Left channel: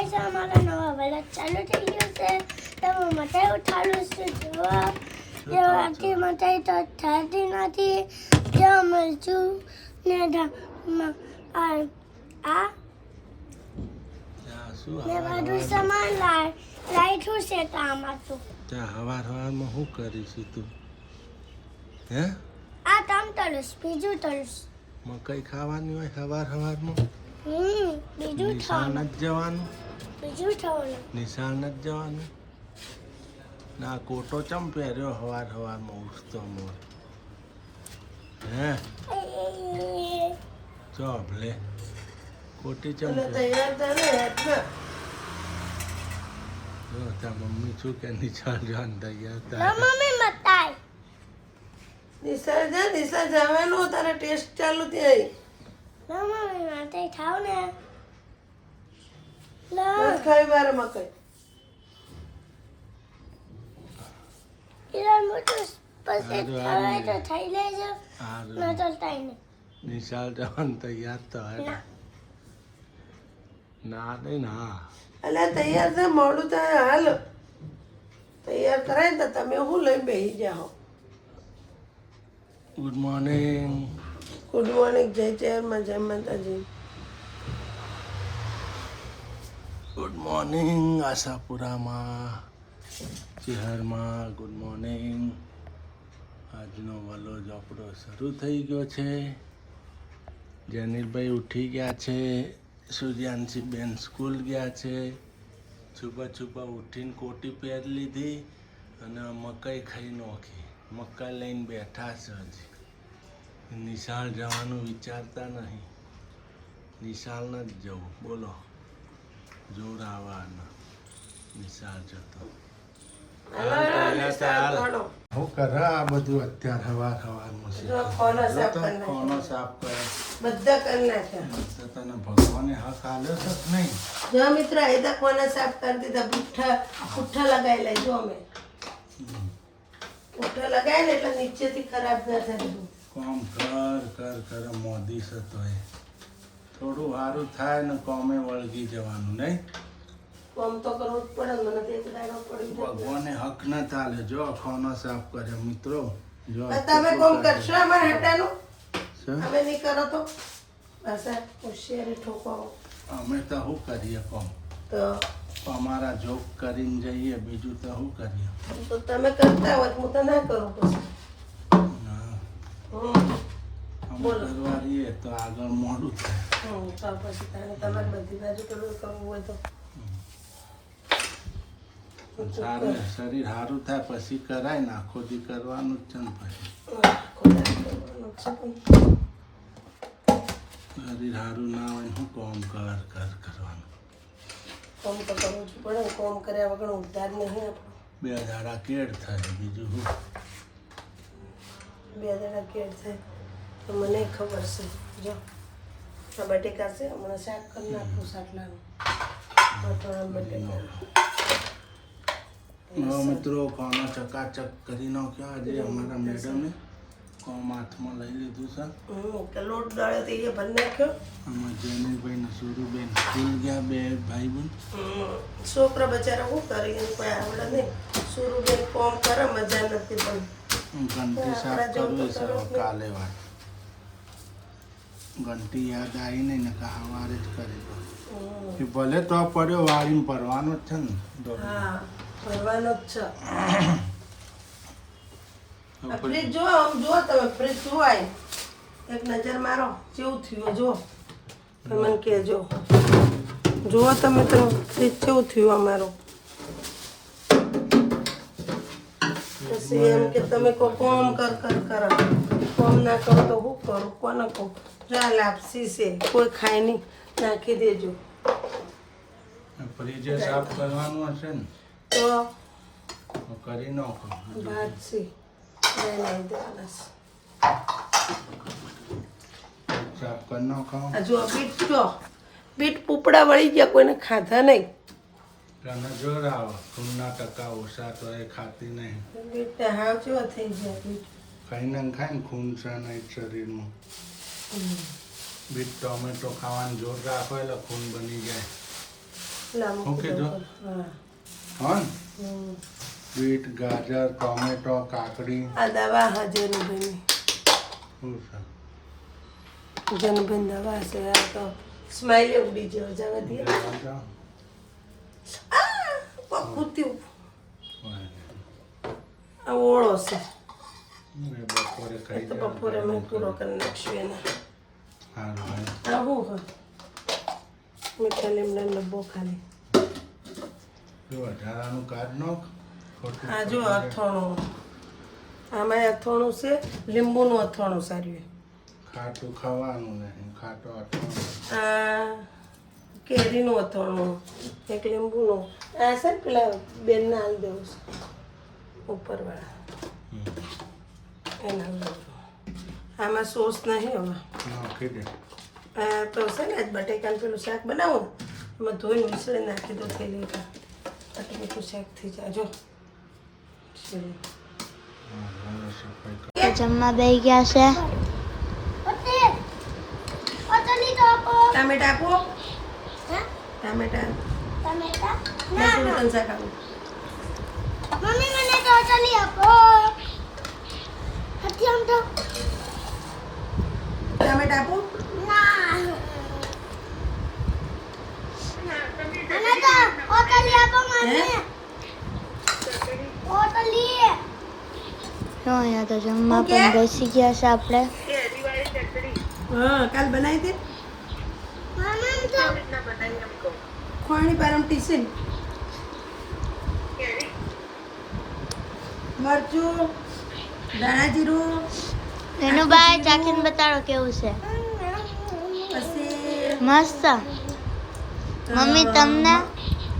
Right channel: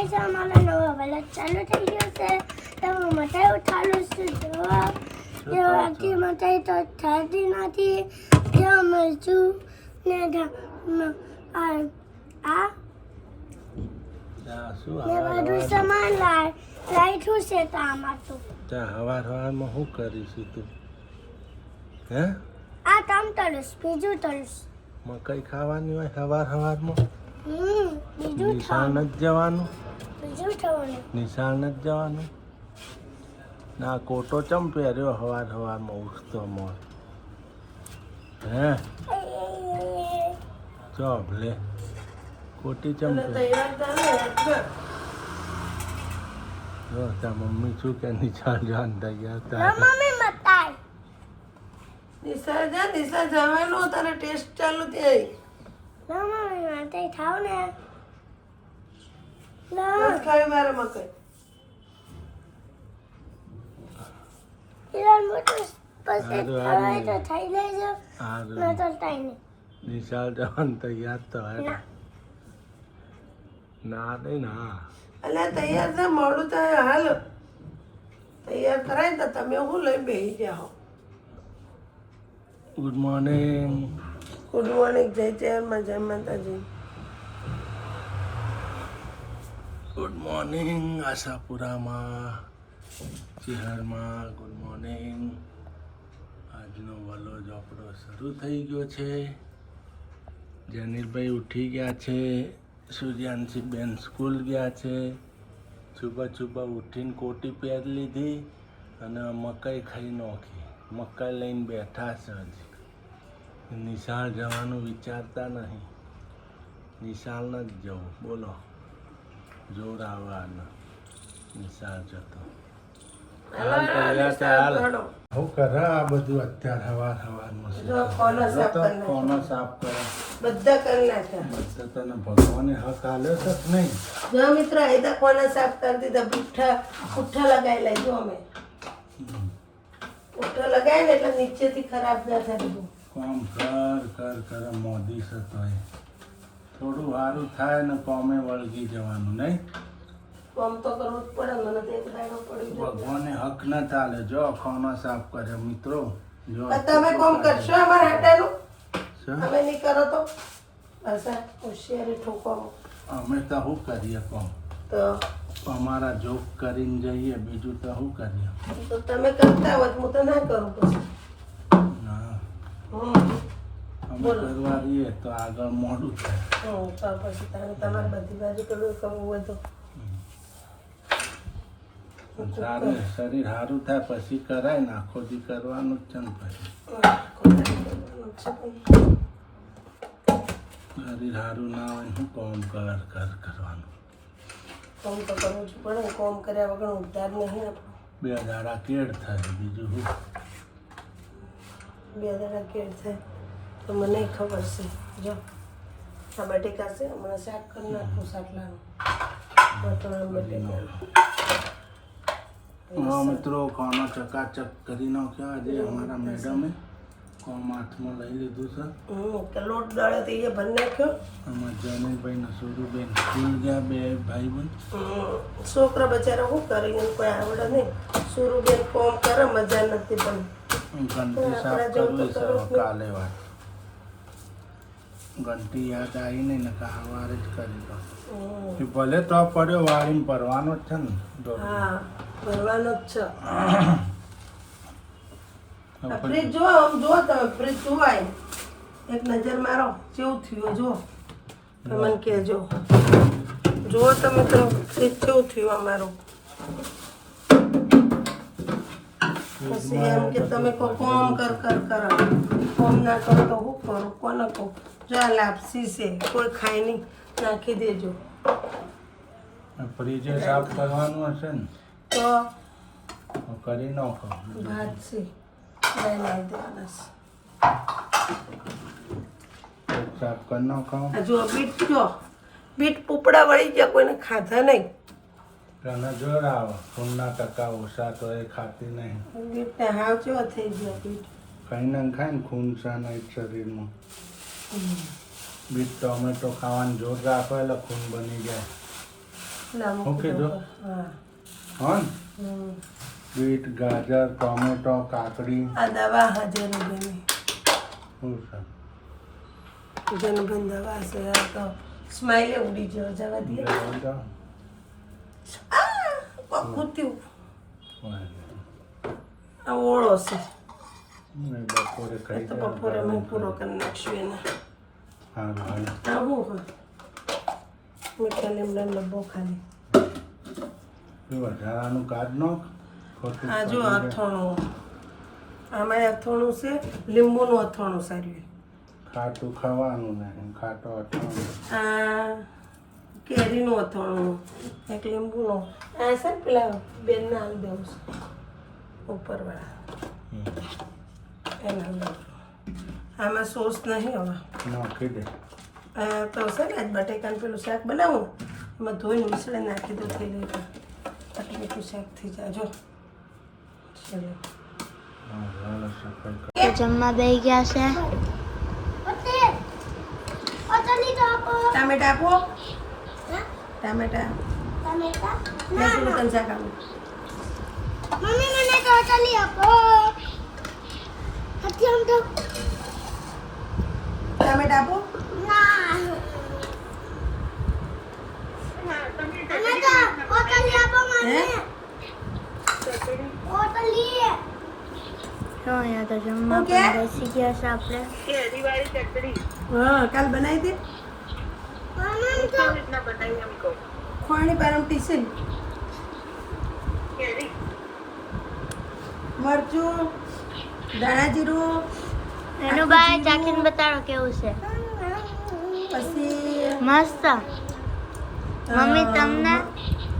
Guys અમારા નવા vlog ચાલુ થઈ ગયો છે તો હું મટાઈ ઉઠાડું છું જવાબ જેવાથી મટાઈ તો થતી નથી જ્યાં મળશું ને બધું સામાન લાઈઠું છે તો આમાં તો હવારમાં શું કરીશું તું હે આ તમ તળસ બીજું તળસ મકાઈ ખાવાની હોય હવારમાં બીજું નિશાળ નથી જવાનું બીજું થવાનું નિશાળ નથી જવાનું ના કોટો ચમ પહેર્યો હવારમાં ઉઠતો મોર હે ચો ભલે કોટી ચમ જો ત્યાં મમ્મી શું કે નિશાળ જવાનું તૈયાર ના મમ્મી મતાઈ નિશા જવાનું તારે ટેસ્ટ ચાલુ થઈ ના મમ્મી મતાઈ ખાવ ને ખાઈ મારે મકાઈ ઈરાન મોટું પછી ખાવે તો થઈ લેજો ના તો તાઈ ને નિશાળ જવાનું તૈયાર તો હે ના નહીં ના અલ્યા તૈયાર છે મોડું થાય હાલ તૈયાર કરાય ને તમે હું લઈને બેસી જાઓ ગુડ મોર્નિંગ ગુડ મોર્નિંગ જય જયમાં જય માતાજી ગુડ મોર્નિંગ આશાપુરામાં શહેરમાં ગુડ મોર્નિંગ આજનો વલોજ આપણો શરૂ થઈ ગયો છે જનીલભાઈ ઉઠી ગયા છે સૂર્યાંશી બેન સ્કૂલ ગયા છે છુપા ઉઠીને કોટી પહેરી લીધી અને મકાઈ ખાઈ નાખી મકાઈ લઈને બેઠા છે હજી નિશાળ જવાનું વિચારતા નહીં નિશાળ નથી જવું બોલો જોર આવવાના નિશાળ જતો હાલ તૈયાર હાલ હું કરે આ બધું અત્યારે હવારમાં કોનો સાફ કરે બધા કરી નાખ્યા બધા તને ભગવાને હક આલ્યો છે કે નહીં જો મિત્ર એ તો કોને સાફ કરી દીધા પુઠ્ઠા લગાવી લઈ જો અમે પુઠ્ઠા લગાવી ને એટલે નીચેથી ખરાબ ના થાય બધું કોમ કર મોદી છે તોય થોડું સારું થાય ને કોમે વળગી જવાનું નહીં કામ તો કરવું જ પડે મને તો એક દાડો પડી ભગવાને હક ન ચાલે જો ખોનો સાફ કર્યો મિત્રો જો તમે કોમ કરશો અમારા હાટાનું શું? અમે નહીં કરો તો બસ આ હોશિયારી ઠોકવામાં અમે તો શું કરીએ કોમ તો અમારા જોક કરીને જઈએ બીજું તો શું કરીએ તો તમે કરતા હોત હું તો ના કરું પછી ના હમ અમે કરવા રહીએ તો આગળ મોડું થાય તો પછી તમારે બધી બાજુ પેલું કરવું હોય તો સારું શરીર સારું થાય પછી કરાય ને આખો દી કરવાનું જ છે ને પછી શરીર સારું ના હોય શું કોમ કરવાનું કામ તો કરવું જ પડે ને કામ કર્યા વગર ઉદ્ધાર નહીં આપણો 2 દાડા કેડ થાય બીજું શું 2 દાડા કેળ થાય તો મને ખબર છે જો આ બટેકા છે હમણાં શાક કરી નાખું શાકલાનું બટેકા હા મિત્રો કોનો ચકાચક કરી નાખ્યો આજે અમારા મેડમે કોમ હાથમાં લઈ લીધું છે લોટ દળે તો એ ભરી નાખ્યો આમાં જયનીભાઈ ને સુરુબેન સ્કૂલ ગયા 2 ભાઈ બંધ છોકરા બચારા શું કરે એને કોઈ આવડે નહીં સુરુબેન કોમ કરે મજા નથી પણ ઘંટી સાફ કરવી છે કાલે વાત ઘંટી યાદ આવી નહીં ને સવારે જ કરી દો ભલે તો પડ્યો વાળીને ભરવાનો જ છે ને હા ભરવાનો જ છે ફ્રીજ જો આમ જો તમે ફ્રીજ જોવાય એક નજર મારો કેવું થયું જો મને કહેજો જુઓ તમે તો ફ્રીજ કેવું થયું અમારું પછી એમ કે તમે કોમ કર કોમ ના કરો તો હું કરું કોને કહું જા લાપસી છે કોઈ ખાય નહીં નાખી દેજો ફ્રીજે સાફ કરવાનું હશે ને તો કરી નાખો ભાત છે લઈ દેવાના સાફ કરી નાખો આ જો બીટ પોપડા વળી ગયા કોઈને ખાધા નહીં તને જોર આવે ખૂનના ટકા ઓછા તો એ ખાતી નહીં બીટને હાવ જેવા થઈ ગયા બીટ ખાઈને ખાય ને ખૂન છે નહીં શરીરમાં બીટ ટોમેટો ખાવાનું જોર રાખો એટલે ખૂન બની જાય લા મૂકી ઓકે, દો. જો. હા હા હમ. બીટ ગાજર ટોમેટો કાકડી આ દવા હા જેનુબેન શું છે જેનુબેન દવા છે આ તો સ્માઈલે ઉડી જાય જવા દે જવા દો. પકુત્યું વાંધો આ ઓળો છે નહીં. બપોરે એ ખાઈ તો જવાનું. બપોરે મેં પૂરો કરી નાખશું એને સારું હાલો. આવું હા મીઠા લીમડાનો ડબ્બો ખાલી જો વધારાનું કાઢ નાખ ખોટું આ જો પડી જાય. અથાણું આમાં અથાણું છે લીંબુનું અથાણું સારું ખાટું ખાવાનું નહીં ખાટો અટવાનું. આ કેરીનું અથાણું એક લીંબુનું આ છે ને પેલા બેનને આવી દઉં છું ઉપરવાળા એના લીંબુ. આમાં સોસ નહીં હવે નાખી દે. આ તો છે ને આજ બટેકાનું પેલું શાક બનાવું ને એમાં ધોઈને ઉછળે નાખી દો થેલી તો મીઠું શાક થઈ જાય જો ચલો લાલો સફાઈ કર. તો જમવા બેસી ગયા છે ઓટલી તો આપો ટામેટા આપો હા ટામેટા ટમેટા લસણ તન શાક આપો મમ્મી મને તો ઓટલી આપો હથી આમ તો ટામેટા આપો ના મને તો ઓટલી આપો મમ્મી ઓટલી તો અહીંયા તો જમવા ઓકે. પણ બેસી ગયા છે આપણે હા કાલ બનાવી દે ખોણી પારમ ટીસન મરચું ધાણા જીરું એનું બાય ચાખીને બતાડો કેવું છે પછી મસ્ત મમ્મી તમને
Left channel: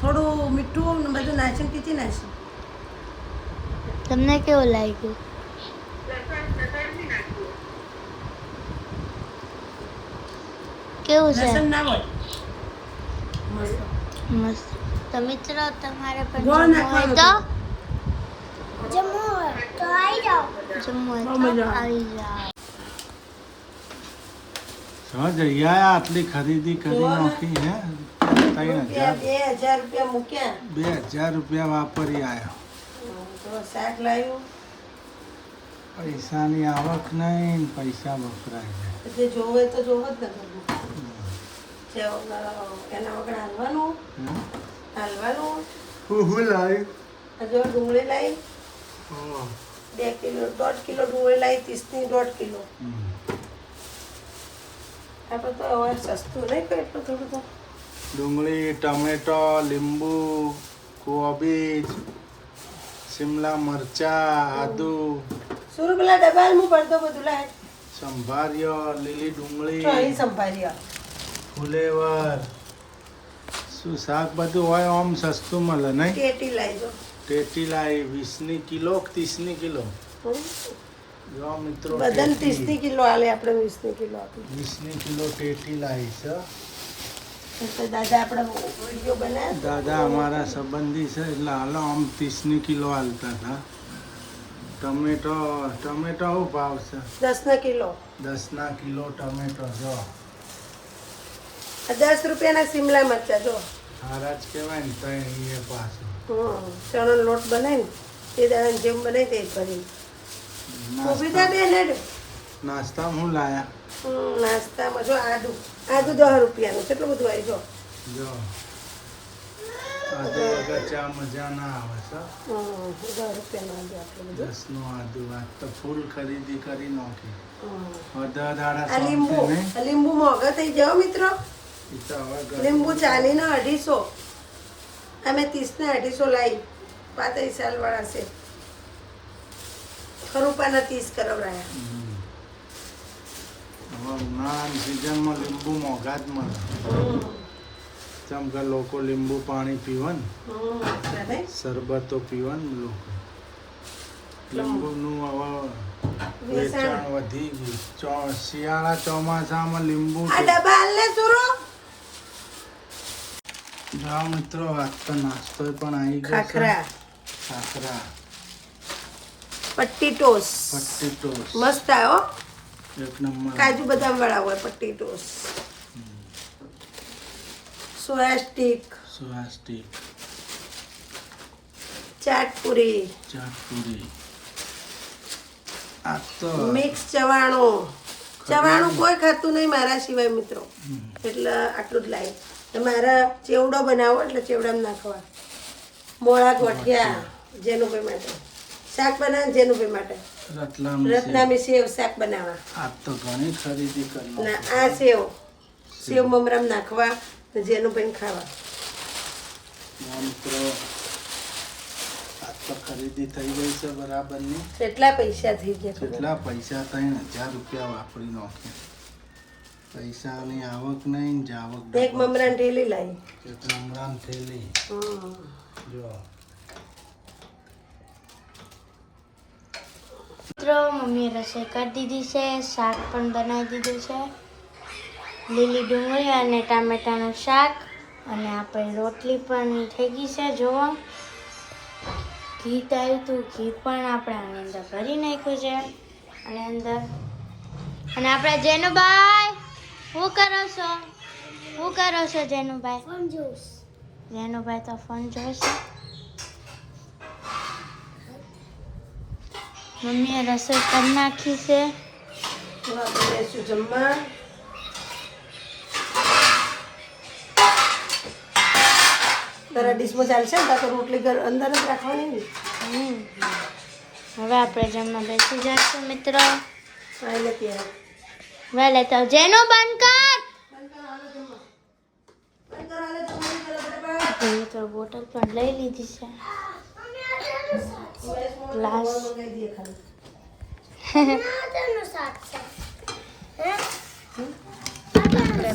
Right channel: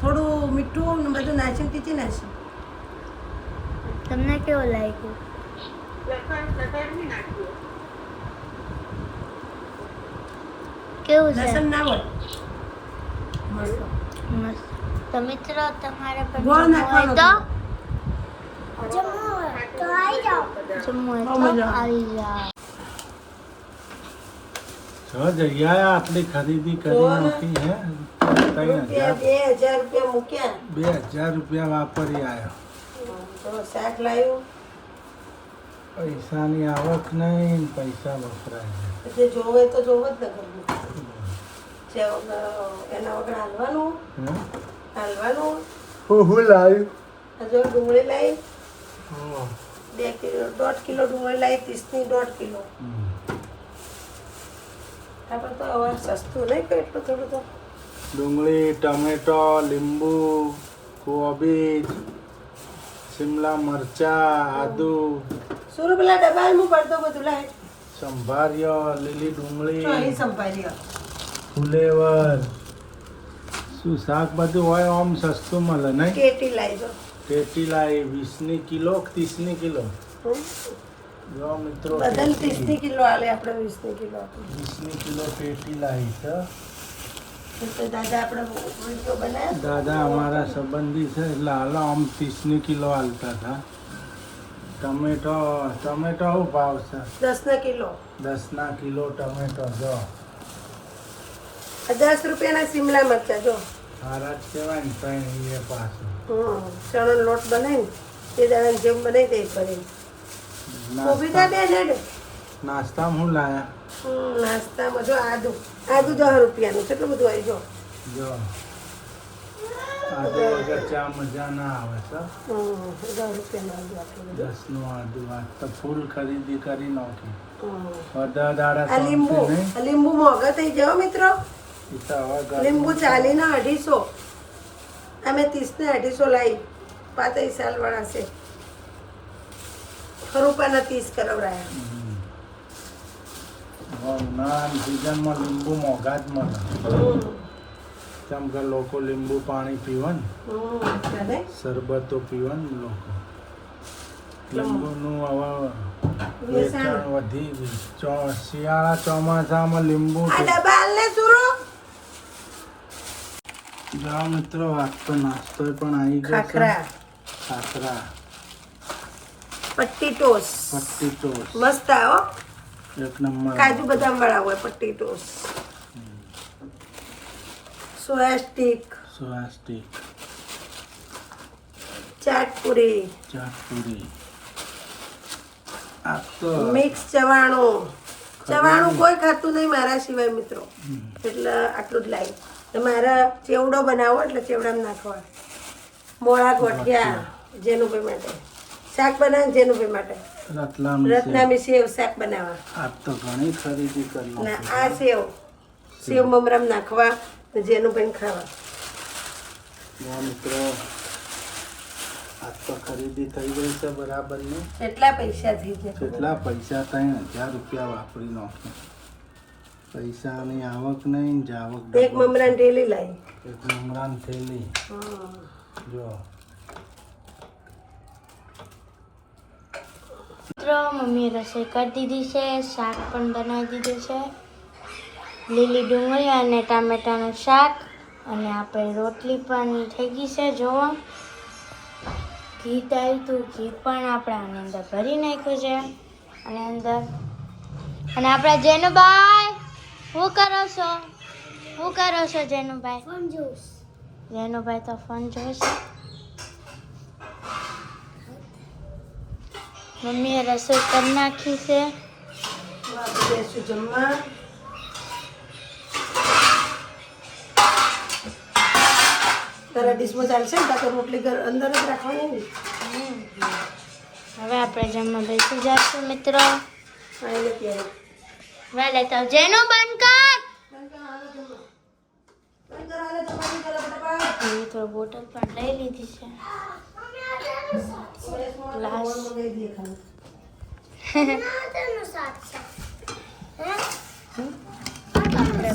થોડું મીઠું ને બધું નાચીને ટીચી નાખી તમને કેવું લાગ્યું કેવું છે લસણ ના હોય મસ્ત મસ્ત તો મિત્રો તમારે પણ ગોળ જમવું નાખવાનું હોય તો જમવું હોય બહુ તો મજા આવે. આવી જાઓ જો જઈ આયા આટલી ખરીદી કરી જો ને. નાખી હે 3000 રૂપિયા 2000 રૂપિયા મૂક્યા 2000 રૂપિયા વાપરી આવ્યો. તો શાક લાવ્યું પૈસાની આવક નહીં પૈસા વપરાય છે. જે જોવે તો જોવે જ ને ઘરનું. જે વગર એના વગર હાલવાનું હે? હાલવાનું હું લાવ્યું હજુ ડુંગળી લાવી ઓહ. 2 કિલો 1.5 કિલો ડુંગળી લાવી 30 ની 1.5 કિલો હમ. આપણે તો હવે સસ્તું નહીં તો એટલું થોડું તો ડુંગળી ટમેટો લીંબુ કોબીજ શિમલા મરચા આદુ સુરુ પેલા ડબ્બા હું પડતો બધું લાય સંભાર્યો લીલી ડુંગળી તો અહીં સંભાળી આપ ફુલેવર શું શાક બધું હોય આમ સસ્તું મળે નહીં. કેટી લાવી જો ટેટી લાવી 20 કિલો કે 30 કિલો જો મિત્રો બધાને 30 ટેટી. ની કિલો આલે આપણે 20 ની કિલો આપી 20 કિલો ટેટી લાવી છે. તો દાદા આપણે વિડીયો બનાવ્યા દાદા અમારા સંબંધી છે એટલે હાલો આમ 30 કિલો હાલતા હતા. ટમેટો ટમેટો શું ભાવ છે 10 ના કિલો 10 કિલો ટમેટો જો 10 રૂપિયાના શિમલા મરચા જો હારા જ કહેવાય ને તઈ એ પાછું ચણાનો લોટ બનાવીને તે દાડાને જેમ બનાવી દે કરીને કોબીજા બે નેડ નાસ્તામાં શું લાયા નાસ્તામાં જો આદુ 10 રૂપિયાનું કેટલું બધું આવી જો જો આદુ વગર ચા મજા ના આવે છે. 10 રૂપિયાનું આદુ આટલું બધું 10 નું આદુ આ તો ફૂલ ખરીદી કરી નાખી. હમ. બધા દાડા આ લીંબુ શાંતિ નહીં. આ લીંબુ મોંઘા થઈ જાઓ મિત્રો ઈ તો હવે ગરમી લીંબુ 40 ના 250 અમે 30 ને 250 લાવી 35 સાલ વાળા છે ખરુપાના 30 કરાવરાયા હમ. હવે ઉનાળાની સિઝનમાં લીંબુ મોંઘા જ મળે. જેમ કે લોકો લીંબુ પાણી પીવે ને શરબતો પીવે ને લોકો લીંબુનું હવે વેચાણ વધી ગયું. શિયાળા ચોમાસામાં લીંબુ આ ડબ્બા હાલને સુરો જાઓ મિત્રો આજ તો નાસ્તો પણ આવી ગયો છે. ખાખરા ખાખરા પટ્ટી ટોસ પટ્ટી ટોસ મસ્ત આવો એક નંબર. કાજુ બદામ વાળા હોય પટ્ટી ટોસ સોયા સ્ટીક સ્વાસ્તિક, ચાટપુરી, ચાટપુરી. આ તો મિક્સ ચવાણું કોઈ ખાતું નહીં મારા સિવાય મિત્રો, એટલે આટલું જ લાવી. તો મારા ચેવડો બનાવો એટલે ચેવડામાં નાખવા. મોળા ગોઠિયા જેનુભાઈ માટે, શાક બનાવે જેનુભાઈ માટે, રત્નામી સેવ શાક બનાવવા. આ તો ઘણી ખરીદી કરી ને આ સેવ મમરામ નાખવા જેનુભાઈ ખાવા. મિત્રો આ તો ખરીદી થઈ ગઈ છે બરાબરની. કેટલા પૈસા થઈ ગયા? કેટલા પૈસા? 3000 રૂપિયા વાપરી નાખ્યા. પૈસાની આવક નહીં, જાવક. એક મમરાની ઢેલી લાવી, એક મમરાની થેલી. જો મિત્રો મમ્મીએ રસોઈ કરી દીધી છે, શાક પણ બનાવી દીધું છે, લીલી ડુંગળી અને ટામેટાનું શાક, અને આપણે રોટલી પણ થઈ ગઈ છે. જોવો ઘી આવ્યું હતું, ઘી પણ આપણે આની અંદર ભરી નાખ્યું છે. અને અંદર અને આપણા જેનુભાઈ શું કરો છો જેનુભાઈ? ફોન જોઉં. જેનુભાઈ તો ફોન જોશે. મમ્મીએ રસોઈ કરી નાખી છે. બેસું જમવા. તારા ડીશમાં ચાલશે ને? તારે રોટલી અંદર જ રાખવાની ને. હવે આપણે જમવા બેસી જઈશું મિત્રો. આઈને ત્યારે વહેલે તો જેનો બંધ કર. મિત્રો બોટલ પણ લઈ લીધી છે. ગ્લાસ આપણે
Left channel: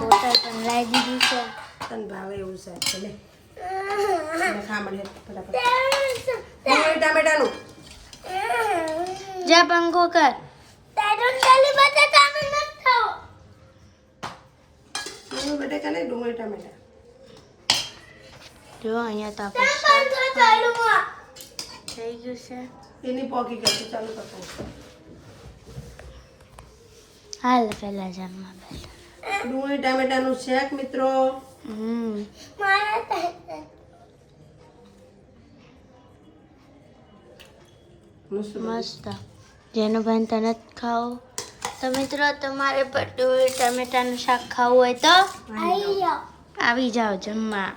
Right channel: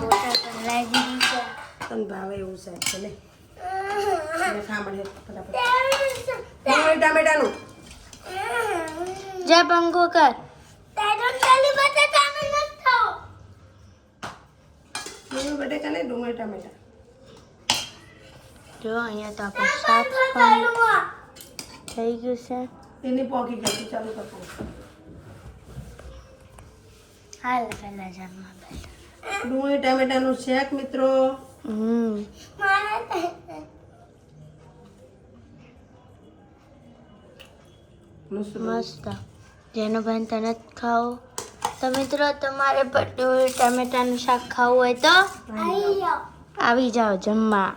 બોટલ પણ લઈ દીધી છે. તને ભાવે એવું શાક છે લે. ખામણ ફટાફટ ટામેટાનું જા પંખો કર. ડુંગળી બટેકા નહીં, ડુંગળી ટામેટા. જો અહીંયા તો આપણે શાક પણ થઈ ગયું છે. એની પોકી કરતી ચાલુ કરતો. હાલ પેલા જમવા બેઠા. ડુંગળી ટામેટાનું શાક મિત્રો. મસ્ત. જેનું ભાઈ તને જ ખાઓ તો મિત્રો તમારે પણ ડુંગળી ટામેટાનું શાક ખાવું હોય તો આવી જાઓ જમવા.